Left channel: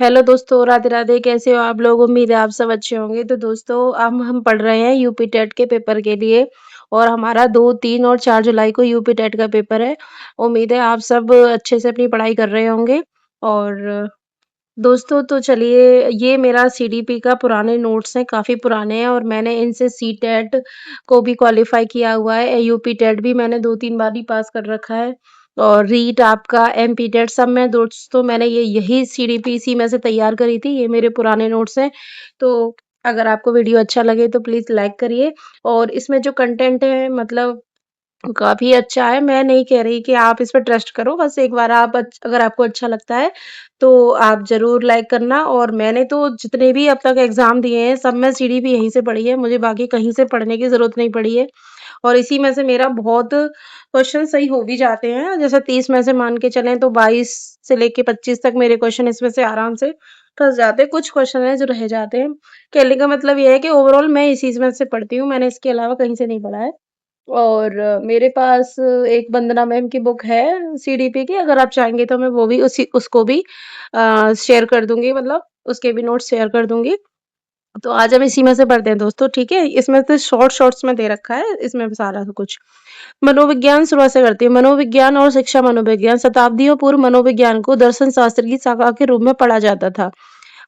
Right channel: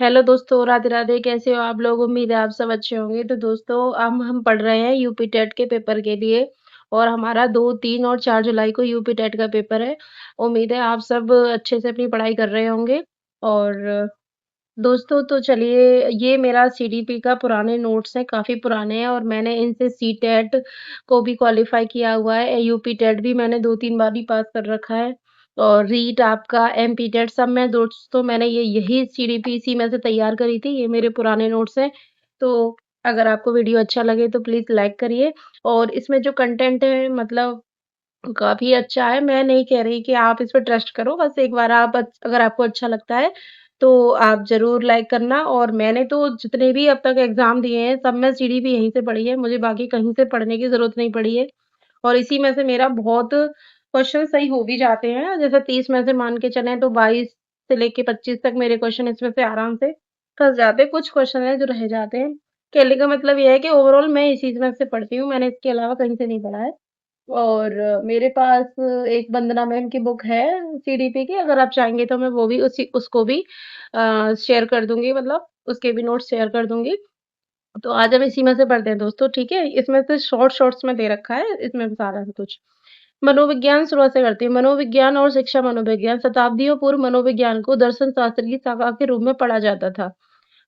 Hello दोस्तों, राधे-राधे, कैसे हो आप लोग? उम्मीद है आप सब अच्छे होंगे। तो दोस्तों अब हम पढ़ रहे हैं यूपी टेट के पेपर के लिए और हमारा 2, 3 और 4 जुलाई को यूपी टेट का पेपर है। उम्मीद है आप सब अच्छे से अपनी पढ़ाई कर रहे होंगे और दोस्तों तो चलिए ये मेरा सीडीपी का पुराने नोट्स हैं, काफ़ी पुराने हैं और मैंने इनसे सीटेट को भी क्वालीफाई किया हुआ है। यूपी टेट भी मैंने 2-3 बार ही पास कर रखा है और रीट आपका एमपी टेट सब में दोस्तों मैंने यही सीडीपी इसी में से तैयार करी थी। ये मेरे पुराने नोट्स हैं। तो अगर आपको वीडियो अच्छा लगे तो प्लीज़ लाइक करिए और इसमें जो कंटेंट है मतलब काफ़ी अच्छा है, मैं नहीं कह रही कि आप इस पे ट्रस्ट करो, बस एक बार आप अगर आपको अच्छा लगता है, तो आप ज़रूर लाइक करना और मैंने तो जितने भी अब तक एग्ज़ाम दिए हैं, सब में सीडीपी यहीं से पढ़ी है, मुझे बाकी कहीं से पढ़ने की ज़रूरत नहीं पड़ी है और इसी में से मेरा बहुत क्वेश्चन सही हो भी जाते हैं, जैसे 30 में से मान के चलें तो 22 से लेके 25 तक मेरे क्वेश्चन इसमें से आराम से फँस जाते हैं, कुछ क्वेश्चन हैं जो रह जाते हैं। कहने का मतलब ये है कि ओवरऑल मैं इसी में से पढ़ती हूँ, मैंने इसके अलावा कहीं से नहीं पढ़ा है। और मेरे पास एक वंदना मैम की बुक है सीडीपी की, अगर आप चाहेंगे तो मैं वो भी उसको भी शेयर कर दूँगी मतलब उसके भी नोट्स शेयर कर दूँगी। तो आज हम इसी में से पढ़ते हैं दोस्तों, ठीक है? इसमें से शॉर्ट्स में दे रखा है, इसमें सारा कुछ। मनोविज्ञान शुरुआत से करते हैं। मनोविज्ञान और शिक्षा मनोविज्ञान शताब्दियों पूर्व मनोविज्ञान को दर्शन शास्त्र की शाखा के रूप में पढ़ा जाता था।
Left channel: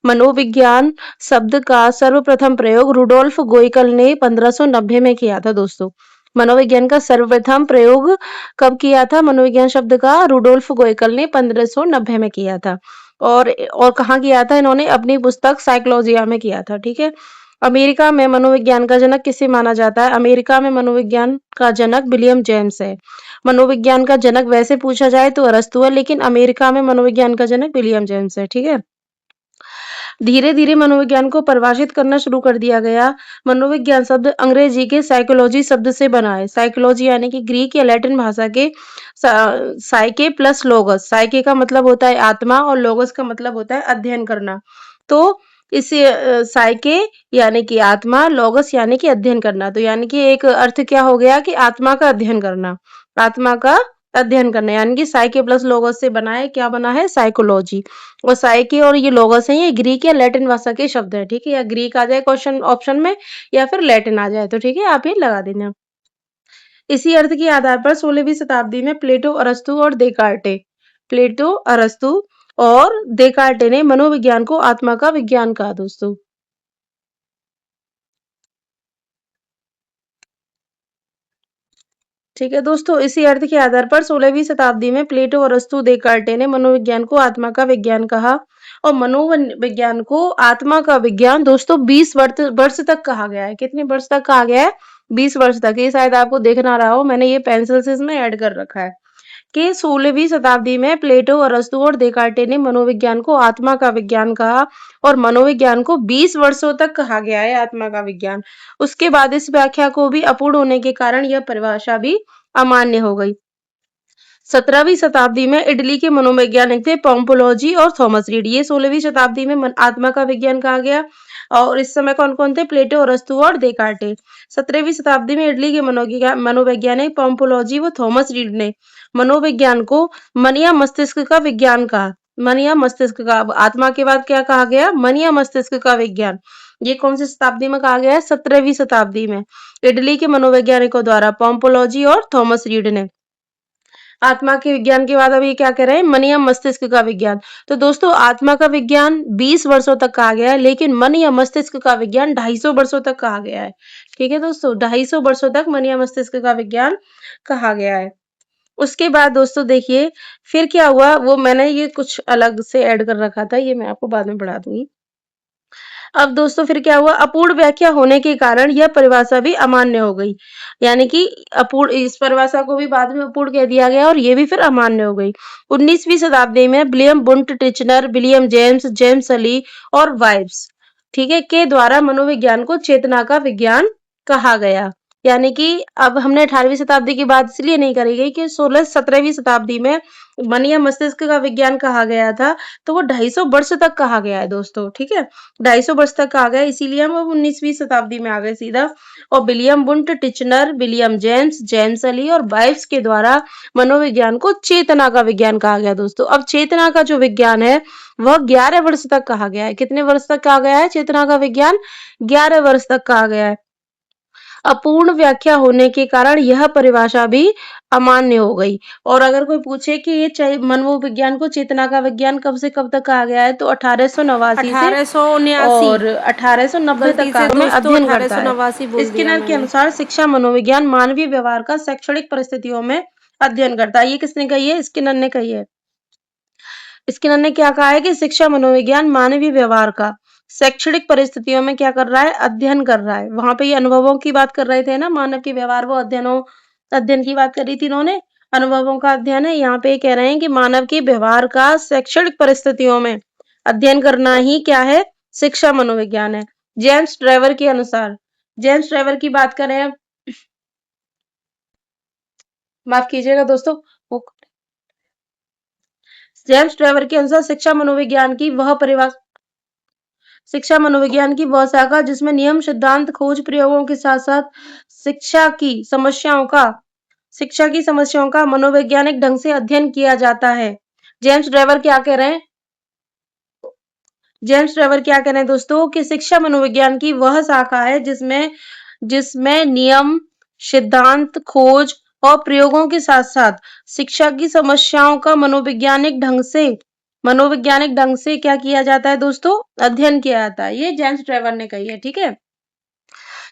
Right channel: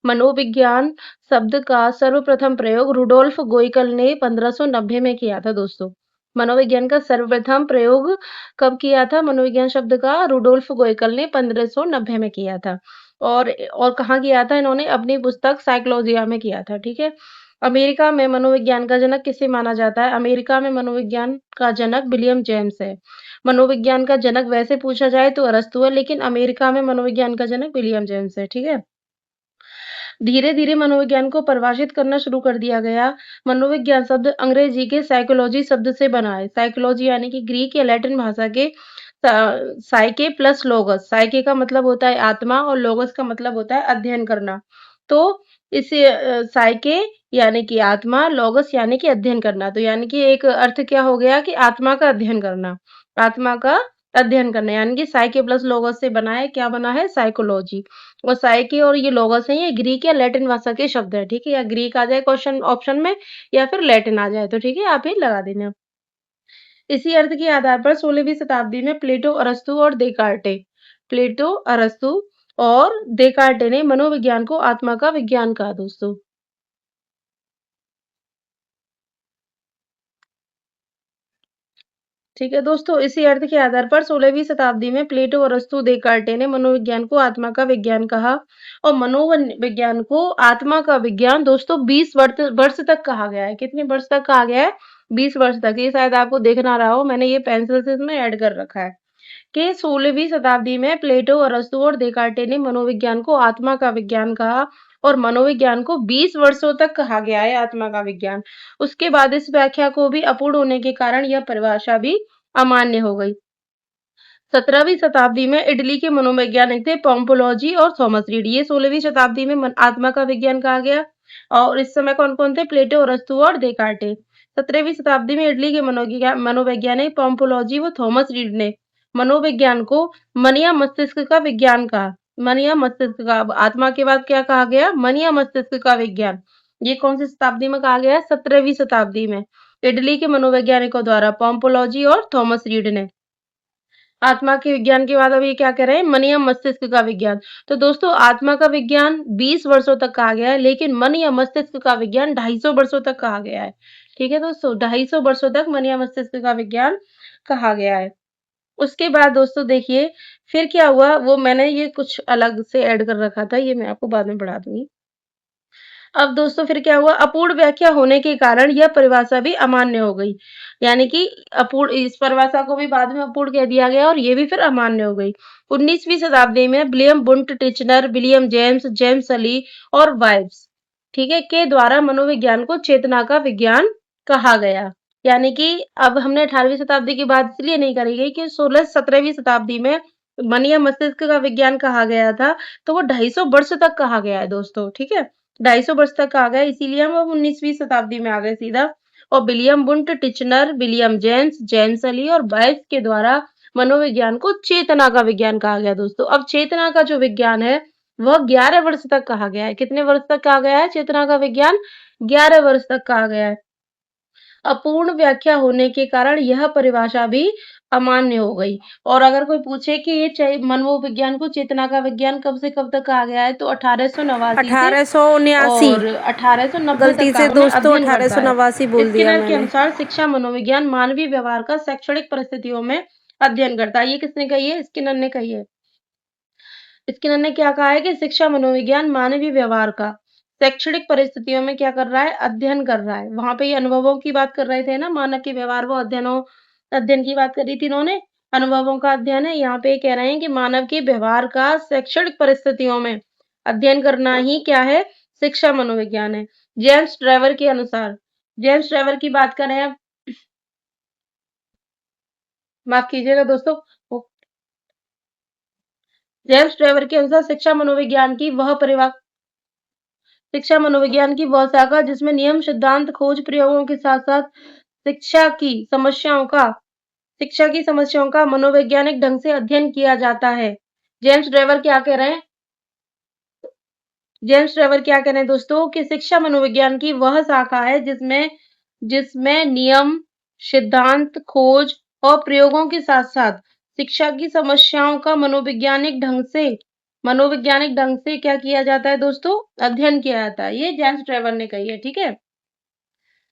मनोविज्ञान शब्द का सर्वप्रथम प्रयोग रुडोल्फ गोइकल ने 1590 में किया था दोस्तों। मनोविज्ञान का सर्वप्रथम प्रयोग कब किया था? मनोविज्ञान शब्द का रुडोल्फ गोइकल ने 1590 में किया था। और कहाँ किया था इन्होंने? अपनी पुस्तक साइकोलॉजिया में किया था, ठीक है? अमेरिका में मनोविज्ञान का जनक किसे माना जाता है? अमेरिका में मनोविज्ञान का जनक विलियम जेम्स है। मनोविज्ञान का जनक वैसे पूछा जाए तो अरस्तू है, लेकिन अमेरिका में मनोविज्ञान का जनक विलियम जेम्स है, ठीक है? धीरे-धीरे मनोविज्ञान को परिभाषित करना शुरू कर दिया गया। मनोविज्ञान शब्द अंग्रेजी के साइकोलॉजी शब्द से बना है। साइकोलॉजी यानी कि ग्रीक या लैटिन भाषा के साइके प्लस लोगस। साइके का मतलब होता है आत्मा और लोगस का मतलब होता है अध्ययन करना। तो इसे साइके यानी कि आत्मा, लोगस यानी कि अध्ययन करना। तो यानी कि एक अर्थ क्या हो गया कि आत्मा का अध्ययन करना। आत्मा का अध्ययन करना यानी कि साइके प्लस लोगस से बना है, क्या बना है? साइकोलॉजी। और साइकी और ये लोगोस हैं, ये ग्रीक या लैटिन भाषा के शब्द हैं, ठीक है? या ग्रीक आ जाए क्वेश्चन ऑप्शन में या फिर लैटिन आ जाए, तो ठीक है, आप ये लगा देना। इसी अर्थ के आधार पर 16वीं शताब्दी में प्लेटो, अरस्तू और देकार्टे ने मनोविज्ञान को आत्मा का विज्ञान कहा दोस्तों। ठीक है दोस्तों, इसी अर्थ के आधार पर 16वीं शताब्दी में प्लेटो, अरस्तू, देकार्टे ने मनोविज्ञान को आत्मा का विज्ञान कहा और मनोविज्ञान को आत्मा का विज्ञान दोस्तों 20 वर्ष तक कहा गया है। कितने वर्ष तक कहा गया है? 20 वर्ष तक। ये शायद आपको दिख ना रहा हो, मैंने ये पेंसिल से इसमें ऐड कर रखा है कि 16वीं शताब्दी में प्लेटो, अरस्तू और देकार्टे ने मनोविज्ञान को आत्मा का विज्ञान कहा और मनोविज्ञान को 20 वर्षों तक कहा गया है आत्मा का विज्ञान। उसके बाद इस व्याख्या को भी अपूर्ण होने के कारण यह परिभाषा भी अमान्य हो गई। 17वीं शताब्दी में इटली के मनोवैज्ञानिक थे पोम्पोलॉजी और थॉमस रीड। ये 16वीं शताब्दी में आत्मा का विज्ञान कहा गया और इस समय कौन-कौन थे? प्लेटो, अरस्तू और देकार्टे। 17वीं शताब्दी में इटली के मनोवैज्ञानिक पोम्पोलॉजी व थॉमस रीड ने मनोविज्ञान को मन या मस्तिष्क का विज्ञान कहा। मन या मस्तिष्क का। अब आत्मा के बाद क्या कहा गया? मन या मस्तिष्क का विज्ञान। ये कौन सी शताब्दी में कहा गया है? 17वीं शताब्दी में। इटली के मनोवैज्ञानिकों द्वारा पोम्पोलॉजी और थॉमस रीड ने। आत्मा के विज्ञान के बाद अभी क्या कह रहे हैं? मन या मस्तिष्क का विज्ञान। तो दोस्तों आत्मा का विज्ञान 20 वर्षों तक कहा गया है, लेकिन मन या मस्तिष्क का विज्ञान 250 वर्षों तक कहा गया है। ठीक है दोस्तों, 250 वर्षों तक मन या मस्तिष्क का विज्ञान कहा गया है। उसके बाद दोस्तों देखिए, फिर क्या हुआ वो मैंने ये कुछ अलग से ऐड कर रखा था, ये मैं आपको बाद में पढ़ा दूँगी। अब दोस्तों फिर क्या हुआ? अपूर्ण व्याख्या होने के कारण यह परिभाषा भी अमान्य हो गई। यानी कि अपूर्ण इस परिभाषा को भी बाद में अपूर्ण कह दिया गया और ये भी फिर अमान्य हो गई। 19वीं शताब्दी में विलियम बुंट टिचनर, विलियम जेम्स, जेम्स सली और वाइब्स, ठीक है, के द्वारा मनोविज्ञान को चेतना का विज्ञान कहा गया। यानी कि अब हमने 18वीं शताब्दी की बात इसलिए नहीं करी गई कि 17वीं शताब्दी में मन या मस्तिष्क का विज्ञान कहा गया था, तो वो 250 वर्ष तक कहा गया है दोस्तों, ठीक है? 250 वर्ष तक कहा गया है, इसीलिए हम अब 19वीं शताब्दी में आ गए सीधा। और William Wundt Titchener, William James, James Ali और बाइब्स के द्वारा मनोविज्ञान को चेतना का विज्ञान कहा गया दोस्तों। अब चेतना का जो विज्ञान है, वह 11 वर्ष तक कहा गया है। कितने वर्ष तक कहा गया है चेतना का विज्ञान? 11 वर्ष तक कहा गया है। अपूर्ण व्याख्या होने के कारण यह परिभाषा भी अमान्य हो गई। और अगर कोई पूछे कि ये मनोविज्ञान को चेतना का विज्ञान कब से कब तक कहा गया है, तो 1889 से 1879। और 1890 गलती तक से का में दोस्तों अध्ययन करता है। 1889 बोल दिया स्किनर के मैंने। अनुसार शिक्षा मनोविज्ञान मानवीय व्यवहार का शैक्षणिक परिस्थितियों में अध्ययन करता है। ये किसने कही है? स्किनर ने कही है। स्किनर ने क्या कहा है कि शिक्षा मनोविज्ञान मानवीय व्यवहार का शैक्षणिक परिस्थितियों में क्या कर रहा है? अध्ययन कर रहा है। वहां पे ये अनुभवों की बात कर रहे थे ना, मानव के व्यवहार वो अध्ययन की बात करी थी इन्होंने। अनुभवों का अध्ययन है। यहाँ पे ये कह रहे हैं कि मानव के व्यवहार का शैक्षणिक परिस्थितियों में अध्ययन करना ही क्या है? शिक्षा मनोविज्ञान है। जेम्स ट्रेवर के अनुसार, जेम्स ट्रेवर की बात करें, माफ कीजिएगा दोस्तों, जेम्स ट्रेवर के अनुसार शिक्षा मनोविज्ञान की वह शाखा जिसमें नियम, सिद्धांत, खोज, प्रयोगों के साथ-साथ शिक्षा की शिक्षा की समस्याओं का मनोवैज्ञानिक ढंग से अध्ययन किया जाता है। जेम्स ट्रेवर क्या कह रहे हैं? जेम्स ट्रेवर क्या कह रहे हैं दोस्तों कि शिक्षा मनोविज्ञान की वह शाखा है जिसमें जिसमें नियम, सिद्धांत, खोज और प्रयोगों के साथ-साथ शिक्षा की समस्याओं का मनोवैज्ञानिक ढंग से क्या किया जाता है दोस्तों? अध्ययन किया जाता है। ये जेम्स ट्रेवर ने कही है, ठीक है?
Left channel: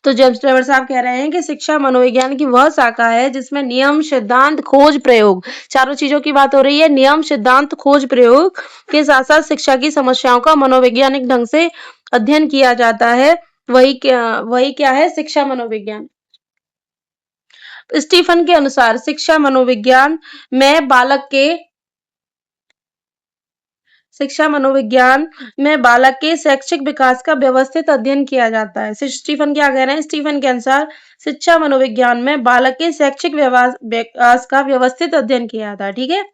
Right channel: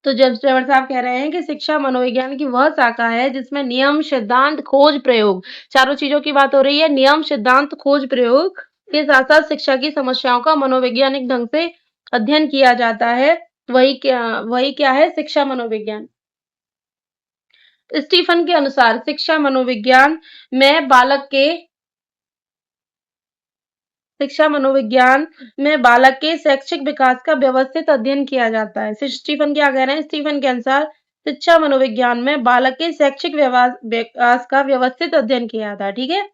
तो जेम्स ट्रेवर साहब कह रहे हैं कि शिक्षा मनोविज्ञान की वह शाखा है जिसमें नियम, सिद्धांत, खोज, प्रयोग, चारों चीजों की बात हो रही है। नियम, सिद्धांत, खोज, प्रयोग के साथ-साथ शिक्षा की समस्याओं का मनोवैज्ञानिक ढंग से अध्ययन किया जाता है। वही क्या है? शिक्षा मनोविज्ञान। स्टीफन के अनुसार शिक्षा मनोविज्ञान में बालक के शैक्षिक विकास का व्यवस्थित अध्ययन किया जाता है। स्टीफन क्या कह रहे हैं? स्टीफन के अनुसार शिक्षा मनोविज्ञान में बालक के शैक्षिक विकास का व्यवस्थित अध्ययन किया जाता है, ठीक है?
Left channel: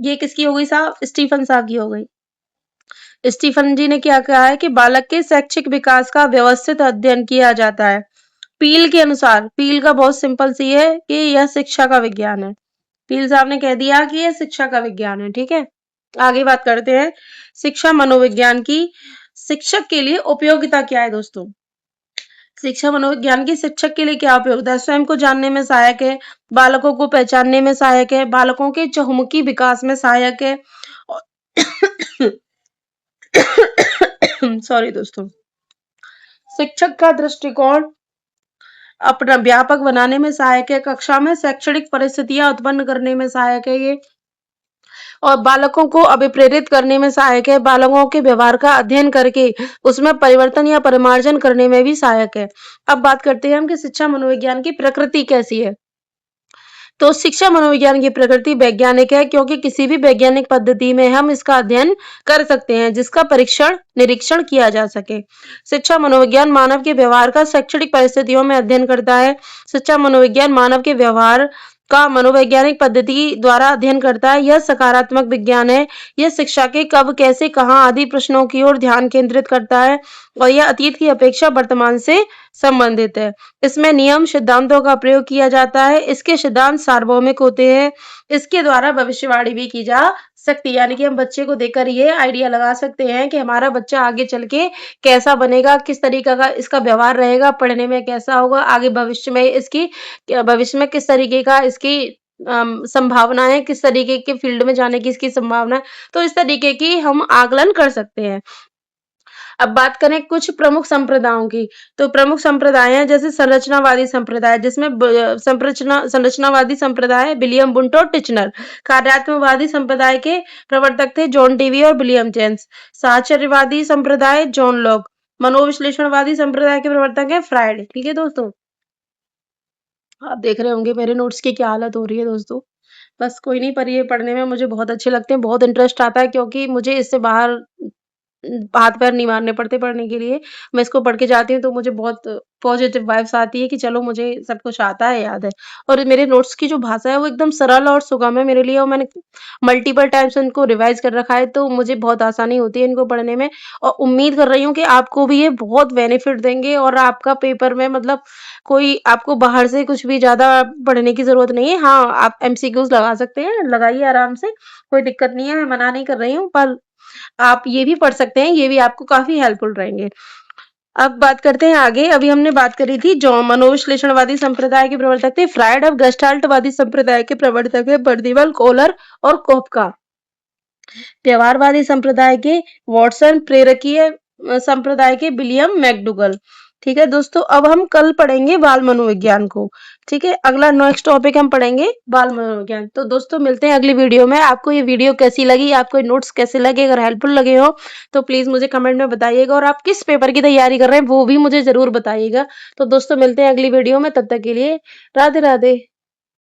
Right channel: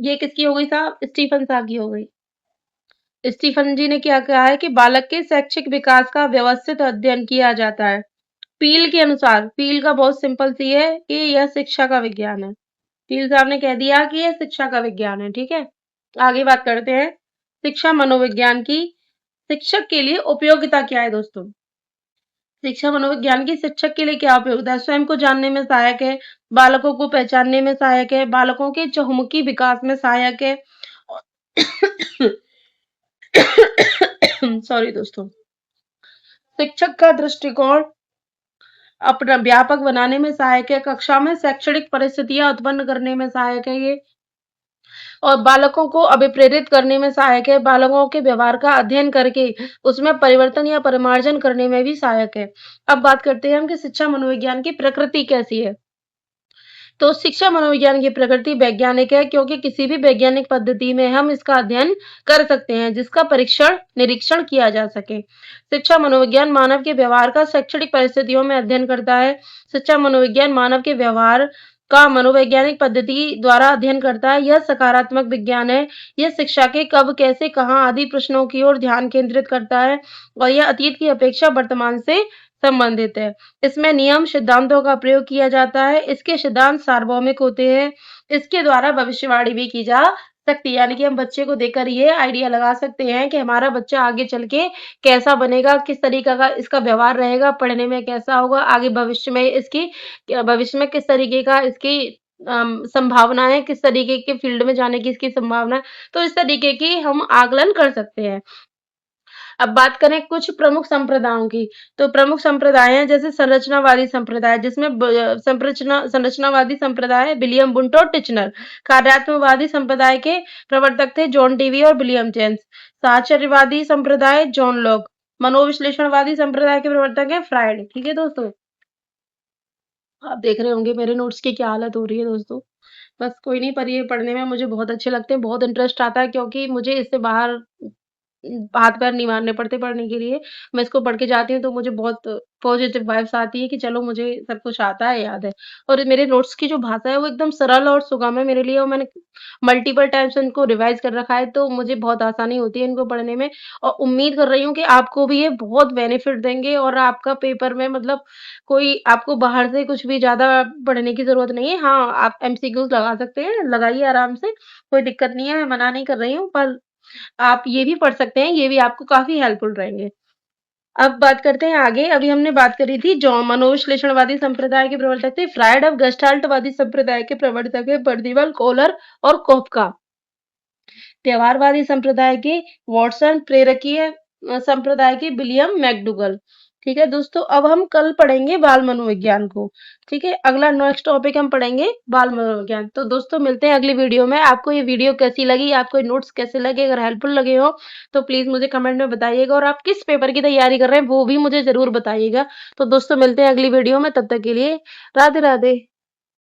ये किसकी हो गई साहब? स्टीफन साहब की हो गई। स्टीफन जी ने क्या कहा है कि बालक के शैक्षिक विकास का व्यवस्थित अध्ययन किया जाता है। पील के अनुसार, पील का बहुत सिंपल सी है कि यह शिक्षा का विज्ञान है। पील साहब ने कह दिया कि यह शिक्षा का विज्ञान है, ठीक है? आगे बात करते हैं शिक्षा मनोविज्ञान की शिक्षक के लिए उपयोगिता क्या है दोस्तों? शिक्षा मनोविज्ञान की शिक्षक के लिए क्या उपयोगिता है? स्वयं को जानने में सहायक है, बालकों को पहचानने में सहायक है, बालकों के चहुमुखी विकास में सहायक है। सॉरी दोस्तों। शिक्षक का दृष्टिकोण अपना व्यापक बनाने में सहायक है, कक्षा में शैक्षणिक परिस्थितियां उत्पन्न करने में सहायक है ये, और बालकों को अभिप्रेरित करने में सहायक है, बालकों के व्यवहार का अध्ययन करके उसमें परिवर्तन या परिमार्जन करने में भी सहायक है। अब बात करते हैं हम कि शिक्षा मनोविज्ञान की प्रकृति कैसी है। तो शिक्षा मनोविज्ञान की प्रकृति वैज्ञानिक है क्योंकि किसी भी वैज्ञानिक पद्धति में हम इसका अध्ययन कर सकते हैं जिसका निरीक्षण किया जा सके। शिक्षा मनोविज्ञान मानव के व्यवहार का शैक्षणिक परिस्थितियों में अध्ययन करता है। शिक्षा मनोविज्ञान मानव के व्यवहार का मनोवैज्ञानिक पद्धति द्वारा अध्ययन करता है। यह सकारात्मक विज्ञान है। यह शिक्षा के कब, कैसे, कहाँ आदि प्रश्नों की ओर ध्यान केंद्रित करता है और यह अतीत की अपेक्षा वर्तमान से संबंधित है। इसमें नियम, सिद्धांतों का प्रयोग किया जाता है। इसके सिद्धांत सार्वभौमिक होते हैं। इसके द्वारा भविष्यवाणी भी की जा सकती है, यानी कि हम बच्चे को देखकर ये आइडिया लगा सकते हैं कि हमारा बच्चा आगे चल के कैसा बनेगा, किस तरीके का इसका व्यवहार रहेगा, पढ़ने में कैसा होगा, आगे भविष्य में किस तरीके का इसकी संभावना है, किस तरीके के फील्ड में जाने की इसकी संभावना है। तो इस तरीके की हम आकलन कर सकते हैं। अब बात करें कुछ प्रमुख संप्रदायों की, तो प्रमुख संप्रदाय हैं जैसे संरचनावादी संप्रदाय, जिसमें संरचनावादी संप्रदाय विलियम वुंट और टिचनर। कार्यात्मकवादी संप्रदाय के प्रवर्तक थे जॉन डेवी और विलियम जेम्स। साहचर्यवादी संप्रदाय जॉन लॉक। मनोविश्लेषणवादी संप्रदाय के प्रवर्तक हैं फ्रायड। ठीक है दोस्तों, आप देख रहे होंगे मेरे नोट्स की क्या हालत हो रही है दोस्तों। बस कोई नहीं, पर ये पढ़ने में मुझे बहुत अच्छे लगते हैं, बहुत इंटरेस्ट आता है क्योंकि मुझे इससे बाहर हाथ पैर नहीं मारने पड़ते पढ़ने के लिए। मैं इसको पढ़ के जाती हूँ तो मुझे बहुत पॉज़िटिव वाइब्स आती है कि चलो मुझे सब कुछ आता है, याद है। और मेरे नोट्स की जो भाषा है वो एकदम सरल और सुगम है मेरे लिए, और मैंने मल्टीपल टाइम्स उनको रिवाइज़ कर रखा है, तो मुझे बहुत आसानी होती है इनको पढ़ने में। और उम्मीद कर रही हूँ कि आपको भी ये बहुत बेनिफिट देंगे और आपका पेपर में मतलब कोई आपको बाहर से कुछ भी ज़्यादा पढ़ने की ज़रूरत नहीं है। हाँ, आप एमसीक्यूज़ लगा सकते हैं, लगाइए आराम से, कोई दिक्कत नहीं है, मैं मना नहीं कर रही हूँ, पर आप ये भी पढ़ सकते हैं, ये भी आपको काफ़ी हेल्पफुल रहेंगे। अब बात करते हैं आगे, अभी हमने बात करी थी जो मनोविश्लेषणवादी संप्रदाय के प्रवर्तक थे, फ्रायड। अब गेस्टाल्टवादी संप्रदाय के प्रवर्तक है पर्दिवल, कोहलर और कोफका। व्यवहारवादी संप्रदाय के वॉटसन, प्रेरकीय संप्रदाय के विलियम मैकडूगल। ठीक है दोस्तों, अब हम कल पढ़ेंगे बाल मनोविज्ञान को। ठीक है, अगला नेक्स्ट टॉपिक हम पढ़ेंगे बाल मनोविज्ञान। तो दोस्तों मिलते हैं अगली वीडियो में। आपको ये वीडियो कैसी लगी, आपको नोट्स कैसे लगे, अगर हेल्पफुल लगे हो तो प्लीज मुझे कमेंट में बताइएगा, और आप किस पेपर की तैयारी कर रहे हैं वो भी मुझे जरूर बताइएगा। तो दोस्तों मिलते हैं अगली वीडियो में, तब तक के लिए राधे राधे।